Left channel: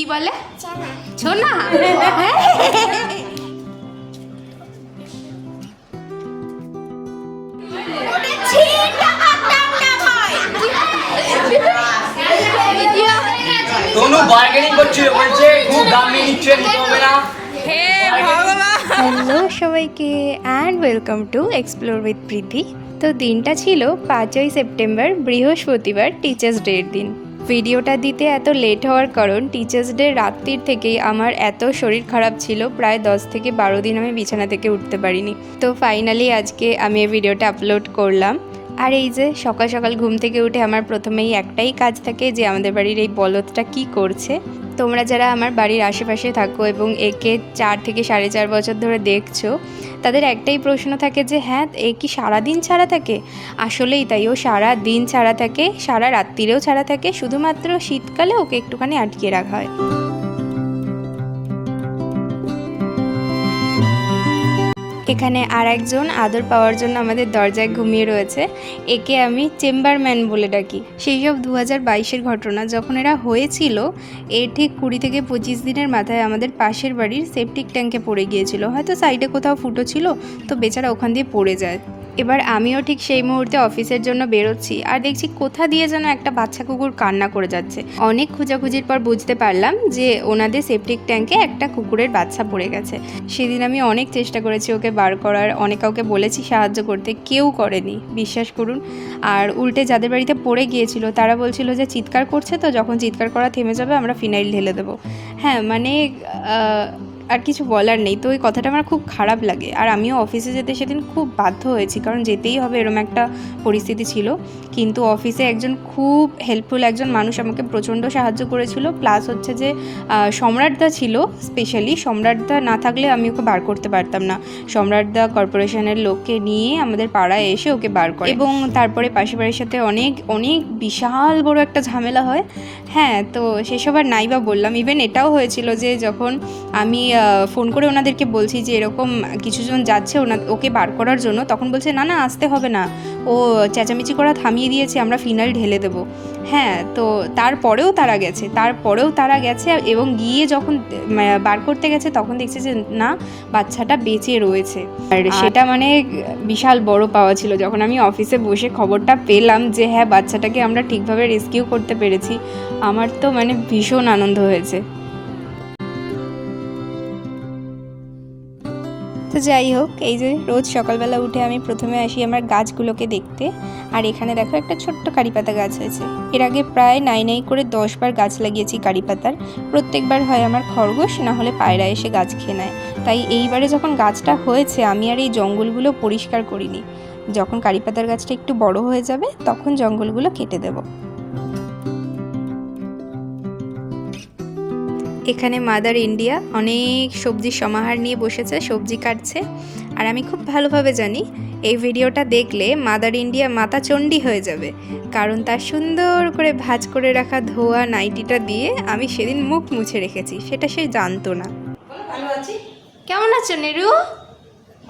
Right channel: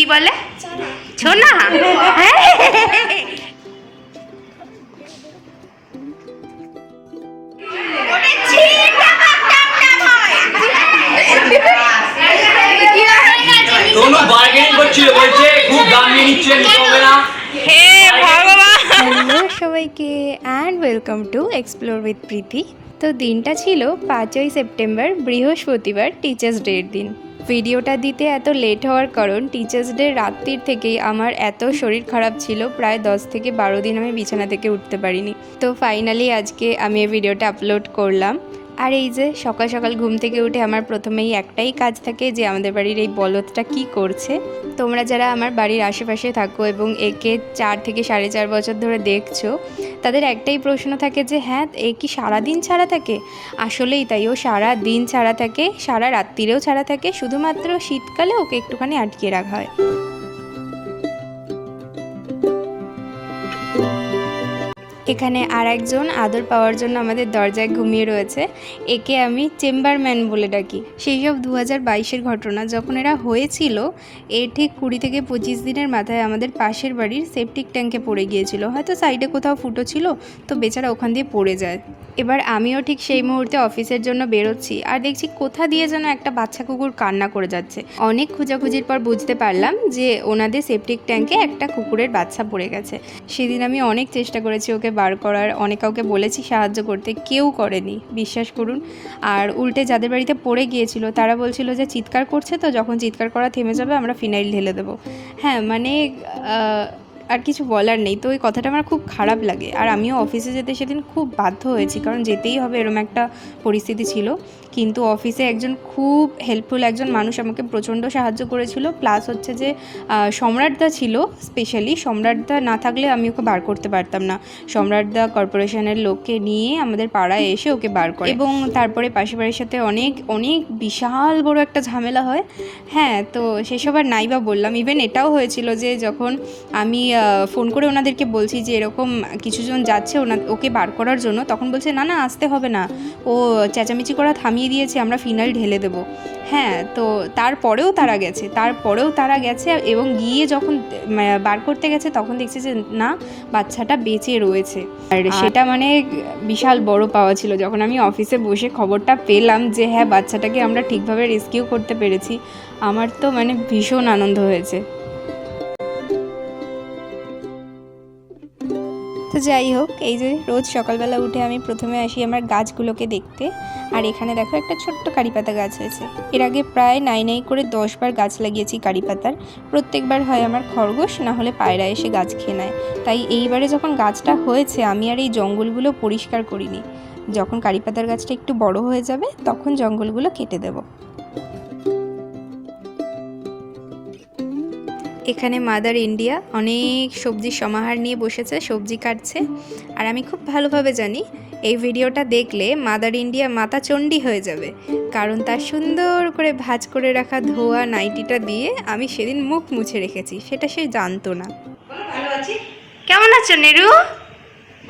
কি বলে? ছোনা। दोनों बार्गेनिंग করছিল বলছে খুব দাম নিয়ে নিচ্ছে নিতে না। হে ভগবান। হ্যালো সবাইকে and welcome to explore with Preeti. তো দিনটা ছিল 5ই সেপ্টেম্বর, বৃহস্পতিবার, টিচার্স ডের দিন। ভিডিওটা দিতে এত লেট হওয়ার কারণ টিচার্স ডে রাত্রির থেকেই আমার এত শরীর খারাপ ছিল, প্রায় 10 থেকে 12 দিন আমি বিছানা থেকে উঠতে পারিনি। তো ফাইনালি আজকে আমি এই ভিডিওটা আপলোড করলাম। আর এই যে সকাল সকাল ঘুম থেকে উঠে আমার প্রথমেই একটাই কাজ থাকে যে আমাদের বাড়ির এই বলদটা কি করছে। তোমরা যারা আমার বাড়ির আশেপাশে থাকো এবং একে 4 থেকে 4.5 বছর ধরে দেখছো, তাদের একটাই প্রশ্ন থাকে যে হ্যাঁ এ কি সারাদিন ছাড়া থাকে? আসলেই তাই, ও সারা দিন ছাড়া থাকে, সারা রাত্রিরেও ছাড়া থাকে, শুধুমাত্র শীতকালে ওকে একটুখানি আটকে রাখা হয়। এখানে আর একজন আদর পাওয়ার জন্য আমাদের দরজায় ঘুমিয়ে রয়েছে। একে আমি চেম্বারম্যান বলে ডাকি। সেই সব 2022-এর ঘটনা যখন এরা হয়েছিল, এর ঠিক 20 থেকে 25 দিনের মাথায় আমাদের পাশের বাড়ির সেপটিক ট্যাঙ্কে পড়ে গিয়েছিল। হয়তো সাইডে কোথাও ফুটো ছিল, তো বেচারা ওখান দিয়ে পড়ে যায়। এবার আমিও ঠিক সেই মুহূর্তে অফিসের জন্য বেরোচ্ছি, আর দেখছি কোথা দিয়ে যেন একটা বাচ্চা কুকুর কান্না করে যাচ্ছে। অনেক খোঁজাখুঁজির পর বুঝতে পারলাম যে ওনাদের সেপটিক ট্যাঙ্কে একটা কুকুরের বাচ্চা পড়ে গেছে। সেদিন আমি অনেক চেষ্টা করেছি ওকে বার করার, অনেক কাউকে বলেছি সাহায্য করতে, কেউ করেনি, বিশ্বাস করুন। আর উল্টে যাদের বাড়িতে পড়ে গিয়েছিল তারা বলছিল যে চিৎকার করছে, তো যখন চিৎকার করা থেমে যাবে আমরা ফিনাইল ঢেলে দেবো। হ্যাঁ মানে আর কিছু বলার নেই। তো ওই কথাটা আমার খুব খারাপ লাগে। আর আমিও অফিসে যেতে সেদিন খুব বাধ্য হয়েছি, কারণ যেতেই হবে, এরকম একটা পরিস্থিতি ছিল। কিন্তু অফিসে একজন খুব হেল্পফুল একজন মানুষ আমাকে প্রচণ্ড সাহায্য করেছিল। প্লাস হচ্ছে যে সম্রাটদা ছিল, স্পেশালি সম্রাটদা না থাকলে আমি ওকে বার করতে পারতাম না। সম্রাটদা কর্পোরেশনের লোককে নিয়ে আমাদের পাড়ায় এসে ওকে বার করে, এবং তারপরে পাশের বাড়ির সাথে অনেক অনেক বিশাল বড় একটা ঝামেলা হয়। হ্যাঁ, তো সেসব আর নাই বা বললাম। ইভেন এটাও হয়েছিল যে যখন আমি ফোন করে ওনাদেরকে বলছি যে এরকম কিছুজন যাচ্ছে ওকে বার করার জন্য, তখন বলছে না না আসতে হবে না, ও চেঁচামেচি করা থামিয়ে দিয়েছে, আমরা ফিনাইল ঢেলে দেবো। হ্যাঁ, তো তারপরেও তারা গেছে এবং গিয়ে যখন বার করতে গেছে তখন দেখছে যে না, বাচ্চাটা বেঁচে রয়েছে। আর সেটা মানে বিশাল বড় পাওয়া ছিল। যখন আমি অফিসে বসে খবরটা পেলাম যে হ্যাঁ বাচ্চাটাকে আমরা ঠিকভাবে রেস্কিউ করতে পেরেছি, আমার তো মানে ভীষণ আনন্দ হয়েছে। তো যাই হোক, এই যে রোজ সকালবেলা উঠে আমি প্রথমে আসি আমার গাছগুলোকে দেখতে। আর এখানে দেখো একটা ছোট্ট কারিপাতা গাছ হয়েছে। এর আগে প্রায় নাই করে 10 বার গাছ লাগিয়েছি কারিপাতার। প্রত্যেকবার হয় আমার খরগোশ না হলে পায়রা এসে গাছ খেয়ে নেয়। তাই এইবারে যখন গাছটা হয়েছে আমি আর এই জঙ্গলগুলো পরিষ্কার করিনি। যখন কারিপাতার গাছটা একটু বড় হয়ে যাবে তখন জঙ্গলগুলো কেটে দেবো। এখানে মাদার ইন্ডিয়া অনেক সবজির সমাহার নিয়ে বসেছে, সবজি কাটছে। আর আমি খুব ভালোভাবে জানি এই ভিডিওটা দেখলে মাদার ইন্ডিয়া মাথা চণ্ডী হয়ে যাবে, কারণ তার সুন্দর করে ভাঁজ করে রাখা ধোয়া নাইটিটা দিয়ে আমি সেদিন মুখ মুছে রেখেছি, সেটা সে জানতো না। কেমন আছো নেরু?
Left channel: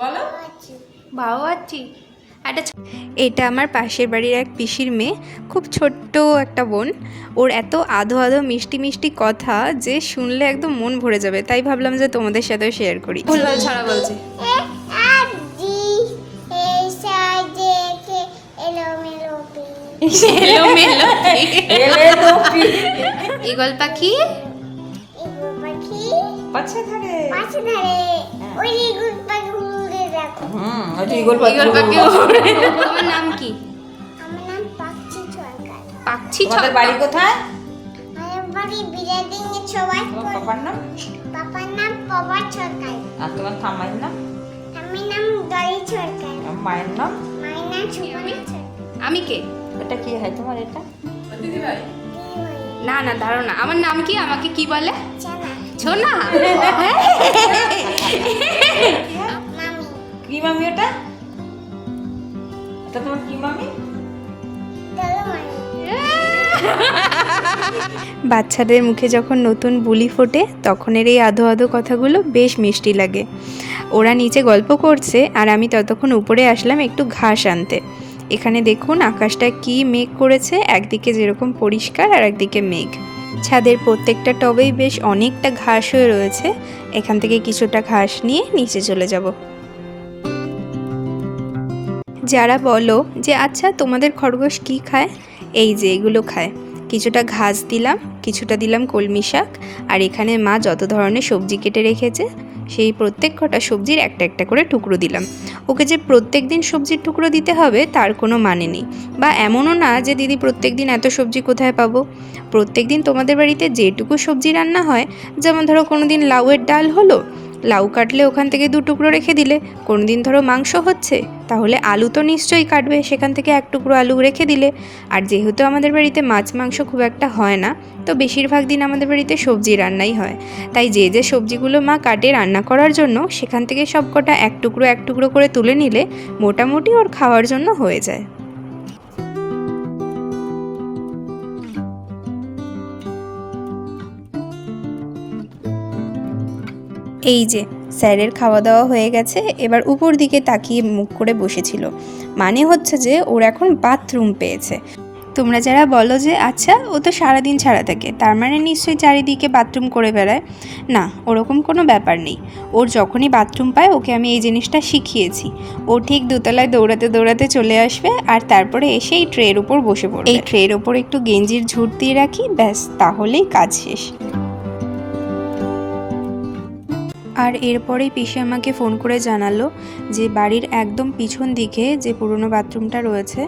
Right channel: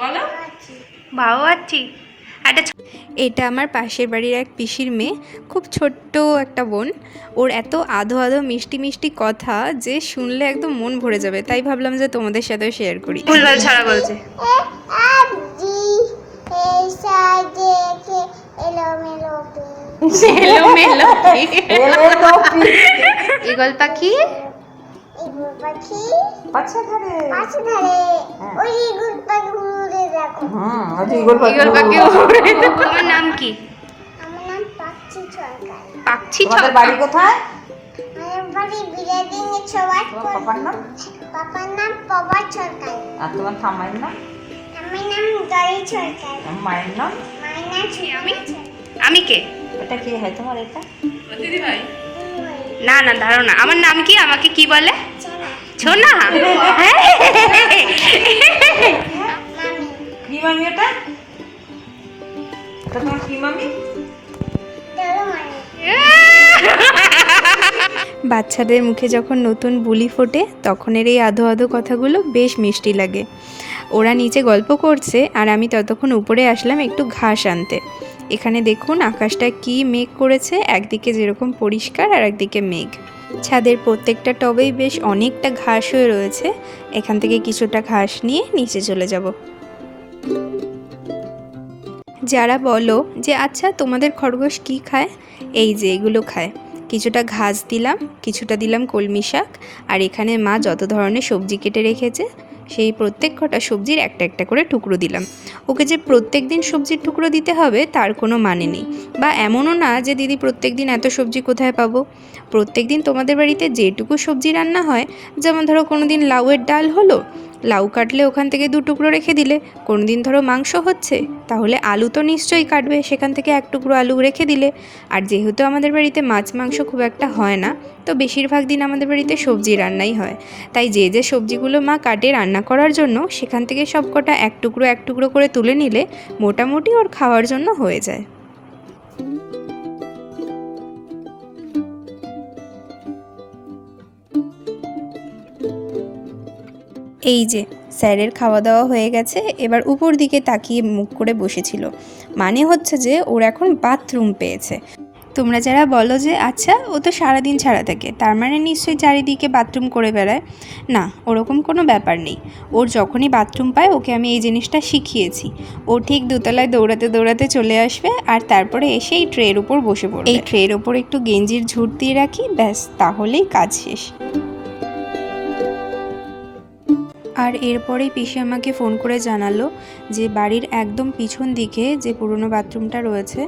বলো। ভালো আছি। এটা আমার পাশের বাড়ির এক পিসির মেয়ে, খুব ছোট্ট একটা বোন। ওর এত আধো আধো মিষ্টি মিষ্টি কথা যে শুনলে একদম মন ভরে যাবে, তাই ভাবলাম যে তোমাদের সাথে শেয়ার করি। ভুলভাল ছাড়া বলছে। ঈগল পাখি তোমার নাম কি? পাখি। বাড়ি কোথায়? পাপার নাম প্রভাত সরকার। আর তোমার ঠাম্মার নাম? আমার নাম দলি সরকার। মায়ের নাম? আমি কে? এটা কি হয় তোমার? এটা না না দাঁড়াও না, আমার নাম কি? আমাকে কি বলে? ছোনা। কি মামি? এটা তোমার কি মামি? বাচ্চাদের মুখে যখন নতুন বুলি ফোটে তখনের এই আধো আধো কথাগুলো বেশ মিষ্টি লাগে। ওরা নিচে গল্প করছে আর আমি ততক্ষণ উপরে আসলাম একটু ঘাস আনতে। এখানে দেখুন আকাশটা কি মেঘ করেছে, একদিকে যেরকম পরিষ্কার আর একদিকে মেঘ। ছাদের প্রত্যেকটা টবেই বেশ অনেকটা ঘাস হয়ে রয়েছে। এখান থেকে কিছুটা ঘাস নিয়ে নিচে চলে যাব। যারা বলো যে আচ্ছা তোমাদের খরগোশ কি খায়, এই যে এগুলো খায়। কিছুটা ঘাস দিলাম, কিছুটা দিলাম কলমি শাক, আর এখানে মা যত ধরনের সবজি কেটে রেখেছে সেই প্রত্যেক কটা সবজির একটা একটা করে টুকরো দিলাম। ওকে যে প্রত্যেক দিন সবজির টুকরো দিতে হবে তার কোনো মানে নেই, বা এমনও না যে দিদি প্রত্যেক দিন এত সবজি কোথায় পাবো। প্রত্যেক দিন তোমাদের বাড়িতে যেটুকু সবজি রান্না হয়, যেমন ধরো কোনো দিন লাউয়ের ডাল হলো, লাউ কাটলে ওখান থেকে 2 টুকরো রেখে দিলে। কোনো দিন ধরো মাংস হচ্ছে, তাহলে আলু তো নিশ্চয়ই কাটবে, সেখান থেকে 1 টুকরো আলু রেখে দিলে। আর যেহেতু আমাদের বাড়িতে মাছ মাংস খুব একটা হয় না, তো বেশিরভাগ দিন আমাদের বাড়িতে সবজি রান্নাই হয়। তাই যে যে সবজিগুলো মা কাটে রান্না করার জন্য, সেখান থেকে সব কটা 1 টুকরো 1 টুকরো করে তুলে নিলে মোটামুটি ওর খাওয়ার জন্য হয়ে যায়। এই যে স্যারের খাওয়া দাওয়া হয়ে গেছে, এবার উপর দিকে তাকিয়ে মুখ করে বসেছিল। মানে হচ্ছে যে ওর এখন বাথরুম পেয়েছে। তোমরা যারা বলো যে আচ্ছা ও তো সারাদিন ছাড়া থাকে, তার মানে নিশ্চয়ই চারিদিকে বাথরুম করে বেড়ায়, না, ওরকম কোনো ব্যাপার নেই। ওর যখনই বাথরুম পায় ওকে আমি এই জিনিসটা শিখিয়েছি। ও ঠিক দোতলায় দৌড়াতে দৌড়াতে চলে আসবে, আর তারপরে এসে এই ট্রের ওপর বসে পড়বে। এই ট্রের ওপর একটু গেঞ্জির ঝুট দিয়ে রাখি, ব্যাস, তাহলেই কাজ শেষ। আর এরপরেই পিসি আমাকে ফোন করে জানালো যে বাড়ির একদম পিছন দিকে যে পুরনো বাথরুমটা রয়েছে,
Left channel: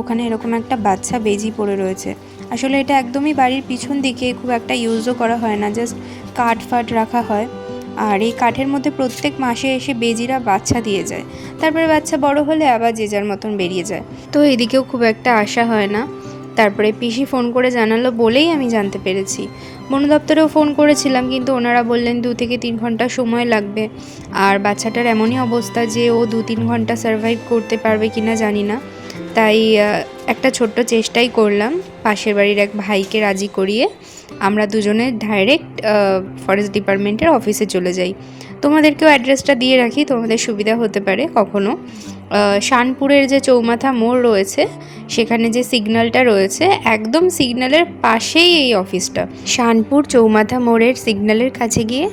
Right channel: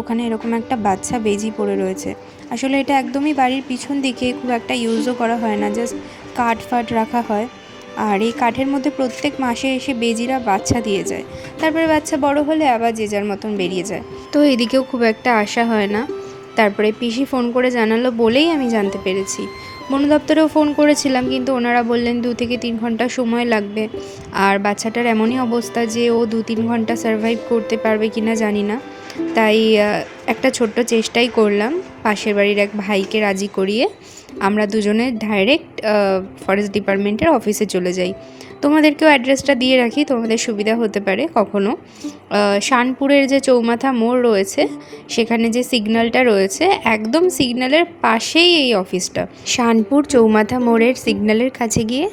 ওখানে এরকম একটা বাচ্চা বেজি পড়ে রয়েছে। আসলে এটা একদমই বাড়ির পিছন দিকে, খুব একটা ইউজও করা হয় না, জাস্ট কাঠ ফাট রাখা হয়। আর এই কাঠের মধ্যে প্রত্যেক মাসে এসে বেজিরা বাচ্চা দিয়ে যায়, তারপরে বাচ্চা বড় হলে আবার যে যার মতন বেরিয়ে যায়। তো এদিকেও খুব একটা আশা হয় না। তারপরে পিসি ফোন করে জানালো বলেই আমি জানতে পেরেছি। বন দপ্তরেও ফোন করেছিলাম, কিন্তু ওনারা বললেন 2 থেকে 3 ঘন্টা সময় লাগবে। আর বাচ্চাটার এমনই অবস্থা যে ও 2-3 ঘন্টা সার্ভাইভ করতে পারবে কিনা জানি না। তাই একটা ছোট্ট চেষ্টাই করলাম, পাশের বাড়ির এক ভাইকে রাজি করিয়ে আমরা দুজনে ডাইরেক্ট ফরেস্ট ডিপার্টমেন্টের অফিসে চলে যাই। তোমাদেরকেও অ্যাড্রেসটা দিয়ে রাখি, তোমাদের সুবিধা হতে পারে কখনো। শানপুরের যে চৌমাথা মোড় রয়েছে, সেখানে যে সিগন্যালটা রয়েছে, একদম সিগন্যালের পাশেই এই অফিসটা। শানপুর চৌমাথা মোড়ের সিগন্যালের কাছে গিয়ে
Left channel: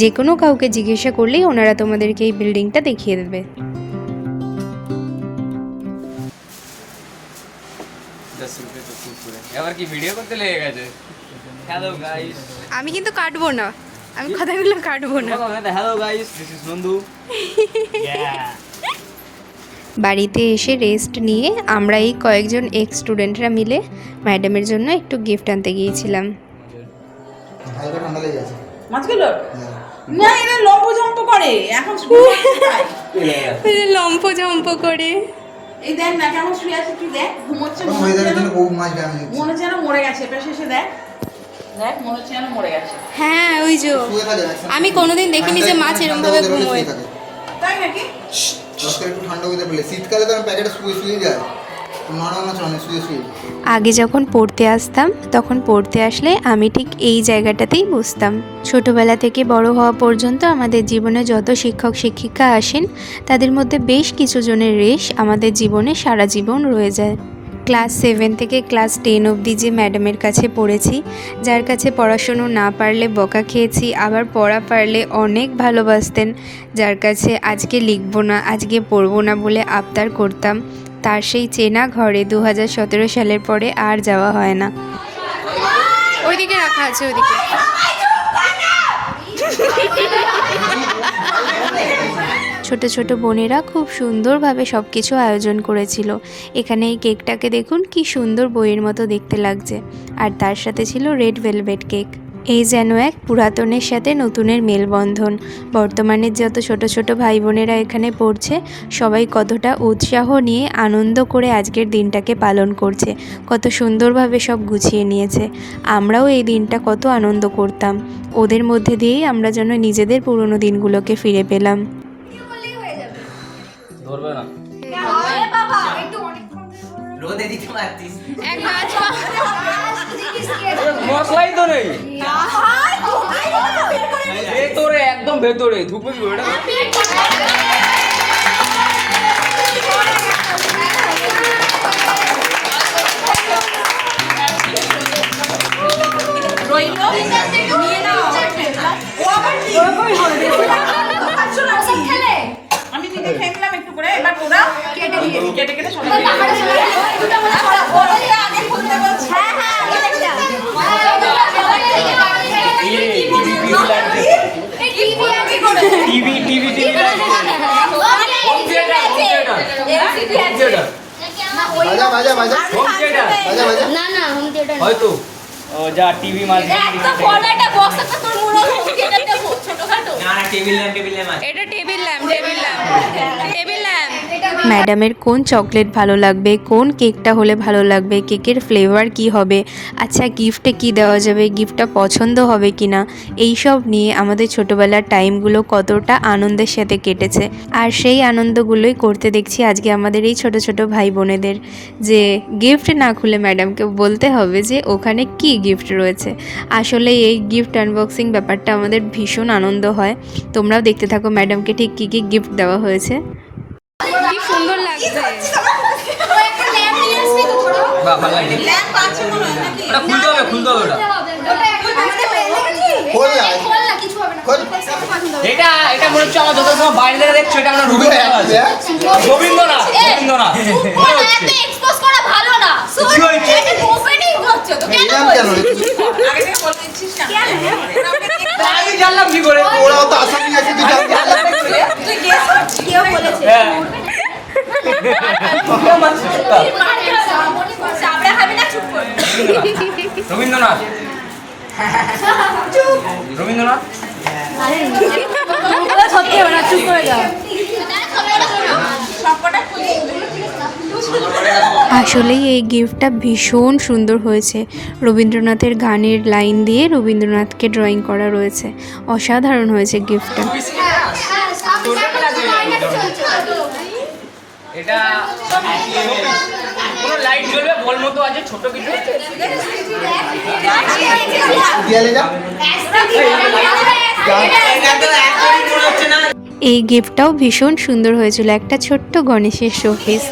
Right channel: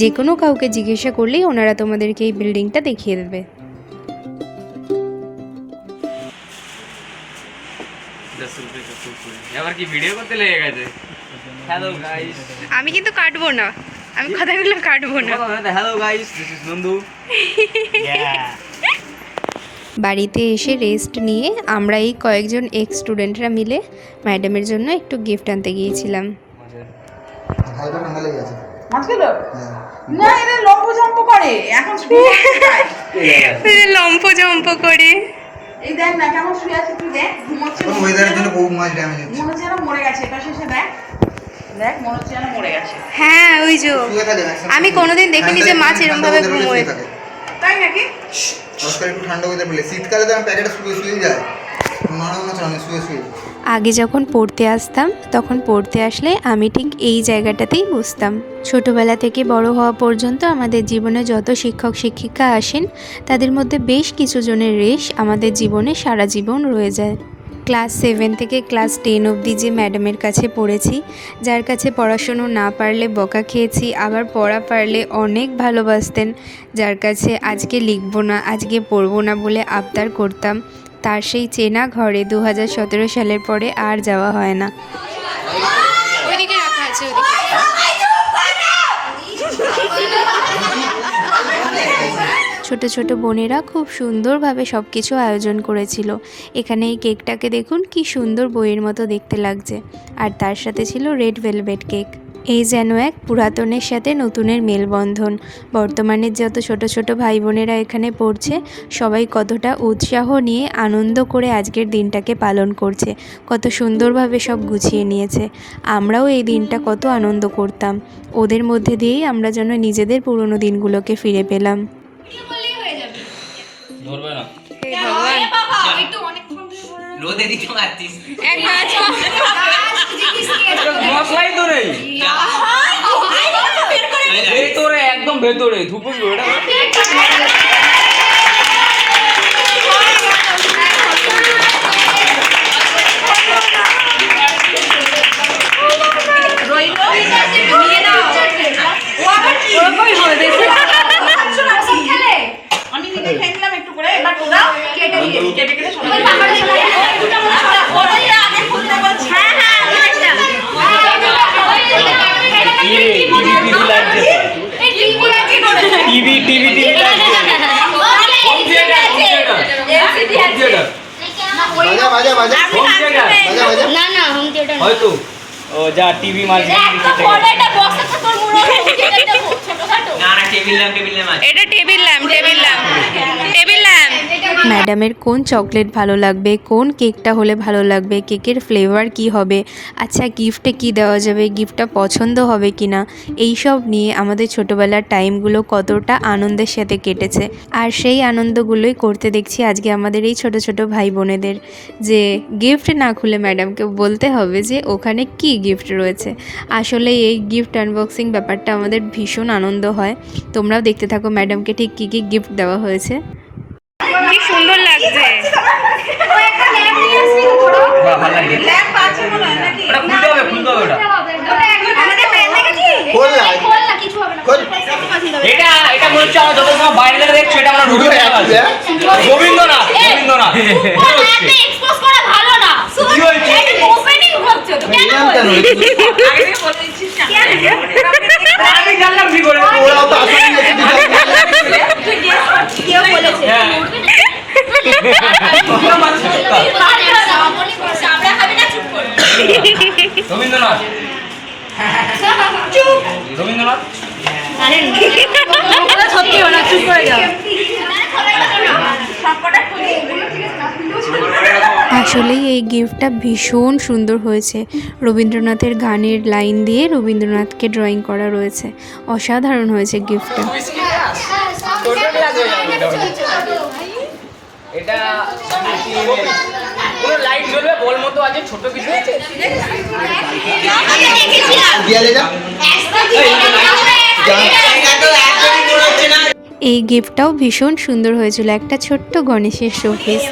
যে কোনো কাউকে জিজ্ঞাসা করলেই ওনারা তোমাদেরকে এই বিল্ডিংটা দেখিয়ে দেবে। এবার কি ভিডিও করতে লেগে গেছে? হ্যালো গাইস, আমি কিন্তু কাটবো না, আমি কথাগুলো কাটবো না। Hello guys, this is Nandu. বাড়িতে এসে রেস্ট নিয়ে আমরা এই কয়েকজন এক্স স্টুডেন্টরা মিলে ম্যাডামের জন্য একটু গিফট আনতে গিয়েছিলাম। হালকা ঠান্ডা লেগে গেছে মাছগুলো হ্যাঁ। না, এরা লম্ব জম্প করে এখন লম্প জম্প করে। এই দেখ না কেমন শুয়ে আছে, তুই দেখ, ঘুমোচ্ছে, কোন ওয়েদারের জন্য বহু মাছ ড্যামেজ হচ্ছে। মনে হচ্ছে যেন মরে গেছে। এটা শেষে দেখ, দেখ মনে হচ্ছে যেন মরে গেছে। হ্যাঁ ওই যে, শুয়ে থাকে maximum আমি কোনোদিন দেখিনি যে মাছ এরকম ভাবে ঠান্ডা weather হলে ঘুমোয়। শুয়ে থাকে। তাই নাকি? আজকাল একটু ঠান্ডা ওয়েদার বলে শীতকালে তো আমি প্যাকেটে শুয়ে যায়, নরম মাছ রান্না শুয়ে আগে যখন পড়তে আসতাম, তখন পড়তে আসলে আমি ঠিক এই জায়গাটাতেই বসতাম। ছোটবেলা থেকে বড় হওয়া পর্যন্ত আমাদের জীবনে যত শিক্ষক শিক্ষিকা আসেন, তাদের মধ্যে বেশ কিছু জনের রেশ আমাদের জীবনে সারা জীবন রয়ে যায়। ক্লাস 7 থেকে ক্লাস 10 অবধি যে ম্যাডামের কাছে পড়েছি, যার কাছে পড়াশুনো না পারলে বকা খেয়েছি, আবার পড়া পারলে অনেক ভালোবাসতেন, যার কাছে আজকে লিখবো না, আজকে পড়বো না বলে আবদার করতাম, তার সেই চেনা ঘরে 2017 সালের পরে আর যাওয়া হয় না। ওইদিকে রাখা আছে, ওইদিকে। ছোট ছোট বোনেরা খুব সুন্দরভাবে সব কিছু আয়োজন করেছিল। এখানে এই কেকটাকে দেখুন কি সুন্দর বইয়ের মতো দেখতে লাগছে, আর তার সাথে ছিল রেড ভেলভেট কেক। এই যেন এক পুরাতনের সাথে নতুনের মেলবন্ধন। বর্তমানের যত ছোট ছোট ভাই বোনেরা এখানে পড়ছে, সবাই কতটা উৎসাহ নিয়ে আনন্দ করে আজকের দিনটাকে পালন করছে, কত সুন্দরভাবে সব গুছিয়ে নিয়েছে। আমরাও এই দিনটা কত আনন্দ করতাম, ওদের মধ্যে দিয়েই আমরা যেন নিজেদের পুরনো দিনগুলোকে ফিরে পেলাম। ধরবে না, রোদে দিতে পারতিস। মশলাই তো নেই ভেতরে, একদম ভেতরে ধুপে কেটে কেটে সব টিভি টিভি টিভি বাজা বাজা বাজা বাজা বাজা না না হোম থিয়েটার হয়তো ও যা টিভি মাঝ না না টেবিল ল্যাম্প এটা টেবিল ল্যাম্প টেবিল ল্যাম্প ম্যাডামের কোন চকলেট ভালো লাগবে, কোন কেকটা হলে ভালো লাগবে, কেকের ফ্লেভার কি হবে, আচ্ছা গিফটে কি দেওয়া যাবে, গিফটটা পছন্দ হবে কি না, এইসব নিয়ে আমাদের ছোটোবেলার টাইমগুলো কতটা আনন্দের সাথে কেটেছে। আর সেই আনন্দগুলোই করতে দেখছি আজকে আমাদের এই ছোট ছোট ভাই বোনেদের, যে গিফট না খুলে ম্যাডামকে বলতে হবে যে ওখানে কি গিফট রয়েছে। আসলে এই গিফট আনবক্সিং ব্যাপারটা আমাদের ভীষণ আনন্দ হয়। তোমরাও দেখতে থাকো ম্যাডামকে ঠিক কী কী গিফট দেওয়া হয়েছে। কি সুন্দর লাগছে। খুলতে হবে খোল না খোল এটা এটা মনে হচ্ছে আমার যত সময় বাইরে থেকে দেখছো এটা আমরা রবীন্দ্রনাথ রবীন্দ্রনাথ রবীন্দ্রনাথ এক্সপোজ করা ভালো না। কি হয়েছে ওপেনিং হচ্ছে তো কেন এরকম কেন আমি জানলাম কি করে ওরাও তো আসামি আছে কেউ বলেছে সাবড়া খাবে না চুপ কর রবীন্দ্রনাথ রবীন্দ্রনাথ আরে সত্যি না চুপ করে যাও সবকটা খুলে আসলে এই গিফটটা ভীষণ সুন্দর হয়েছে। রবীন্দ্রনাথের গানের লাইন দিয়ে রবীন্দ্রনাথকে ড্রয়িং করা রয়েছে, অসাধারণ হয়েছে গিফটটা। এটা পুরো লাইট জ্বলবে বল মতো আছে ছোট কিছু আছে দিয়ালে যা এই গিফটটাও ভীষণ সুন্দর হয়েছিল, একটা ছোট্ট গণেশের শোপিস।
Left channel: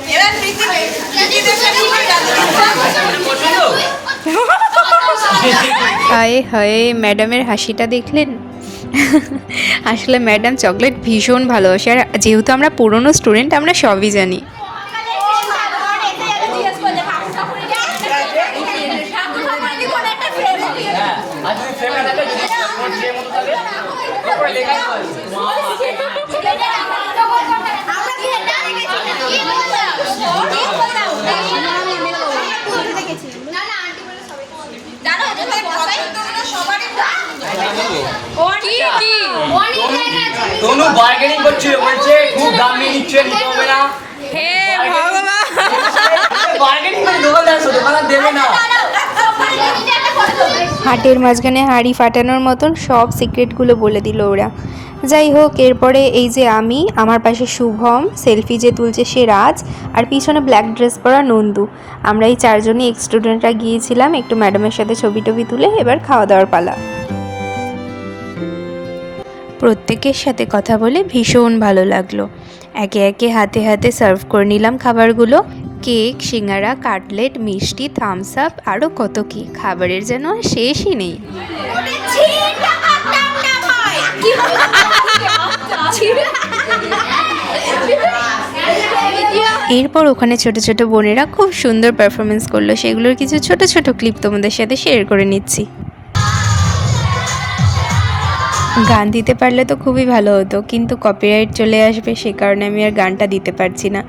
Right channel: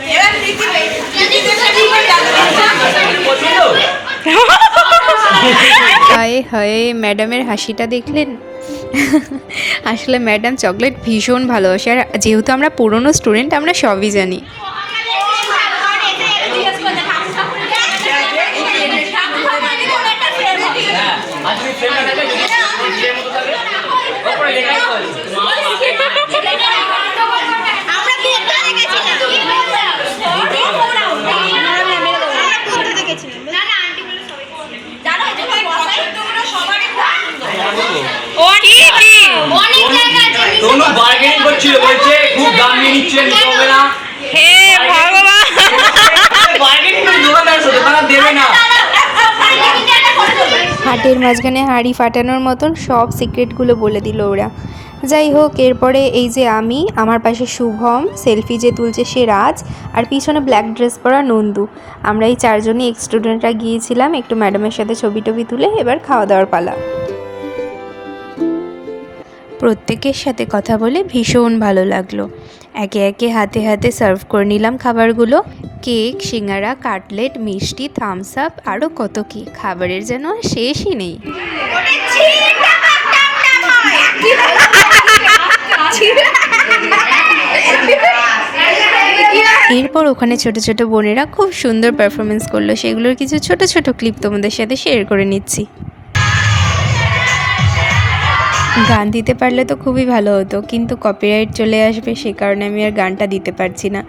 হায় হায় ম্যাডামের হাসিটা দেখলেন? আসলে ম্যাডাম চকলেট ভীষণ ভালোবাসে, আর যেহেতু আমরা পুরনো স্টুডেন্ট আমরা সবই জানি। আর যদি ফ্রেম না থাকে যদি ফ্রেম মতো থাকে তারপরে লেখা আছে আমরা কি এটা দেখেছি না কি বললাম কি বললাম না দেখেছি না না আন্টি বলে সবাই জানো এটা ভাই বসাই তোমরা সবারই ও কি কি অনেক লেখা আছে দোনো বার্গেনিং করছিল, বলছে খুব দাম নিয়ে নিচ্ছেন হবে না। হে ভগবান বার্গেনিং করে দোকানদার দেবে না। হাঁটুর মাঝখানে হাঁড়ি ফাটানোর মতন সব সিক্রেটগুলো বলে দিল ওরা। যাই হোক, এরপরে এই যে আমি, আমার পাশে শুভম, সেলফি যে তুলছে সে রাজ, আর পিছনে ব্ল্যাক ড্রেস পরা নন্দু, আমরা এই চারজনই এক্স স্টুডেন্টরা গিয়েছিলাম একটু ম্যাডামের সাথে ছবি টবি তুলে এবার খাওয়া দাওয়ার পালা। প্রত্যেকের সাথে কথা বলে ভীষণ ভালো লাগলো। একে একে হাতে হাতে সার্ভ করে নিলাম খাবারগুলো, কেক, সিঙ্গারা, কাটলেট, মিষ্টি, থামস আপ, আরও কত কি, খাবারের যেন আর শেষই নেই। এরপর ওখানে ছোট ছোট বোনেরা খুব সুন্দর পারফরমেন্স করলো, সেগুলোর কিছু ছোট ছোট ক্লিপ তোমাদের সাথে শেয়ার করে নিচ্ছি। গান দিতে পারলে তো খুবই ভালো হতো, কিন্তু কপিরাইট চলে আসবে, সে কারণে আমি আর গানটা দিতে পারছি না।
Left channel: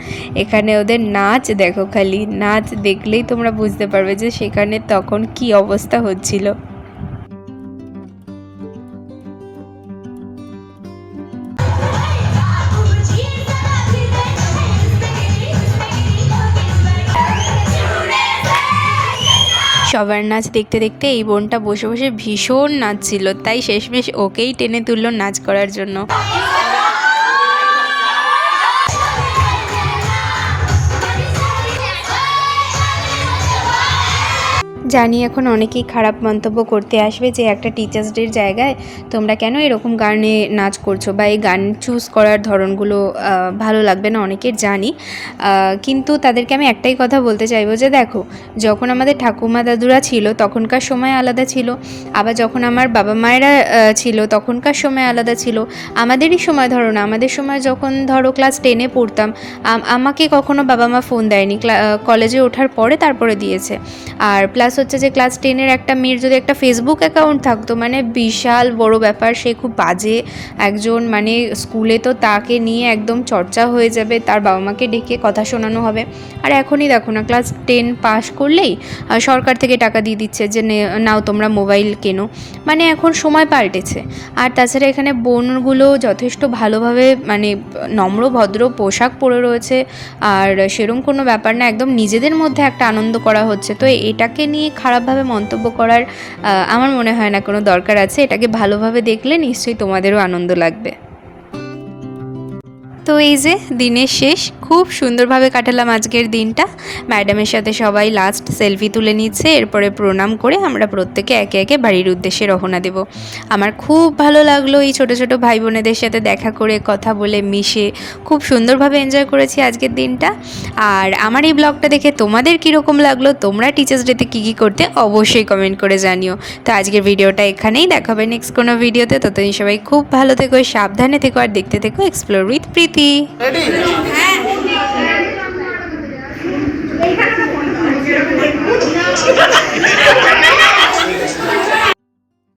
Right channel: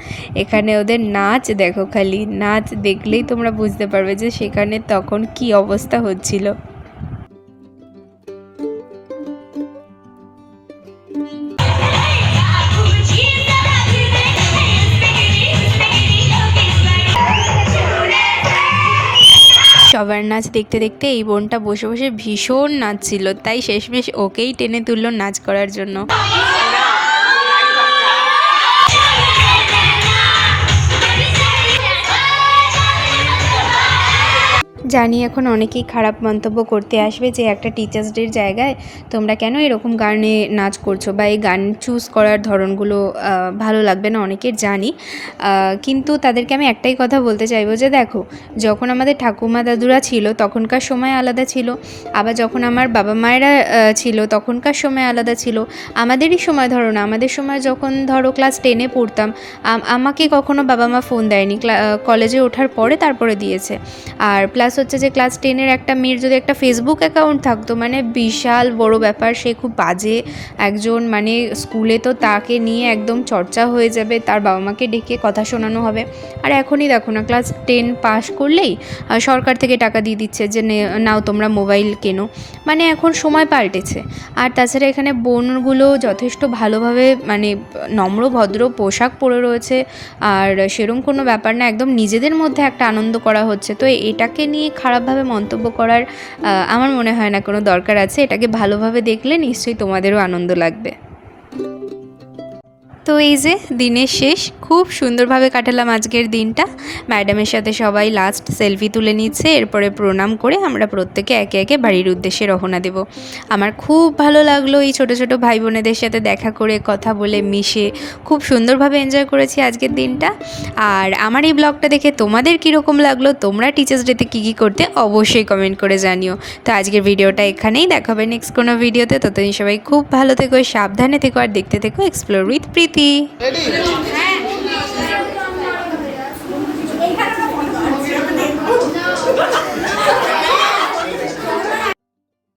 এখানে ওদের নাচ দেখো, খালি নাচ দেখলেই তোমরা বুঝতে পারবে যে সেখানে তখন কি অবস্থা হচ্ছিল। সবার নাচ দেখতে দেখতে এই বোনটা বসে বসে ভীষণ নাচছিল, তাই শেষমেশ ওকেই টেনে তুললো নাচ করার জন্য। জানি এখন অনেকেই খারাপ মন্তব্য করতে আসবে যে একটা টিচার্স ডের জায়গায় তোমরা কেন এরকম গানে নাচ করছো বা এই গান চুজ করার ধরনগুলো ভালো লাগবে না অনেকের জানি, কিন্তু তাদেরকে আমি একটাই কথা বলতে চাইবো যে দেখো, যখন আমাদের ঠাকুমা দাদুরা ছিল তখনকার সময় আলাদা ছিল, আবার যখন আমার বাবা মায়েরা ছিল তখনকার সময় আলাদা ছিল। আমাদেরই সময় ধরো না, আমাদের সময় যখন ধরো ক্লাস 10-এ পড়তাম, আমাকে কখনো বাবা মা ফোন দেয়নি, কলেজে ওঠার পরে তারপরে দিয়েছে। আর প্লাস হচ্ছে যে ক্লাস 10-এর একটা মেয়ের যদি একটা ফেসবুক অ্যাকাউন্ট থাকতো মানে বিশাল বড় ব্যাপার, সে খুব বাজে একজন, মানে স্কুলে তো তাকে নিয়ে একদম চর্চা হয়ে যাবে, তার বাবা মাকে ডেকে কথা শোনানো হবে। আর এখনই দেখো না, ক্লাস 10 পাস করলেই সরকার থেকে টাকা দিয়ে দিচ্ছে যে নাও তোমরা মোবাইল কেনো, মানে এখন সময় পাল্টেছে। আর তাছাড়া এখানে বোনগুলো যথেষ্ট ভালোভাবে মানে নম্র ভদ্র পোশাক পরে রয়েছে, আর সেরকম কোনো ব্যাপার না, একদম নিজেদের মধ্যে একটা আনন্দ করা হচ্ছে। তো এটাকে নিয়ে খারাপভাবে মন্তব্য করার আমার মনে হয় না কোনো দরকার আছে। এটাকে ভালোভাবে দেখলে নিশ্চয়ই তোমাদেরও আনন্দ লাগবে। তো এই যে দিনের শেষ, খুব সুন্দরভাবে কাটালাম আজকের দিনটা। ম্যাডামের সাথে সবাই লাস্ট সেলফি তুলে নিচ্ছে, এরপরে প্রণাম করে আমরা প্রত্যেকে একে একে বাড়ির উদ্দেশ্যে রওনা দেব। আমার খুব ভালো লাগলো এই ছোট ছোট ভাই বোনেদের সাথে দেখা করে, কথা বলে মিশে খুব সুন্দরভাবে এনজয় করেছি আজকের দিনটা। আর আমার এই ব্লগটা দেখে তোমাদের কীরকম লাগলো, তোমরা টিচার্স ডেতে কী কী করতে অবশ্যই কমেন্ট করে জানিও। তো আজকের ভিডিওটা এখানেই, দেখাবে নেক্সট কোনো ভিডিওতে। ততদিন সবাই খুব ভালো থেকো, সাবধানে থেকো, আর দেখতে থেকো এক্সপ্লোর উইথ প্রীতি। রেডি? হ্যাঁ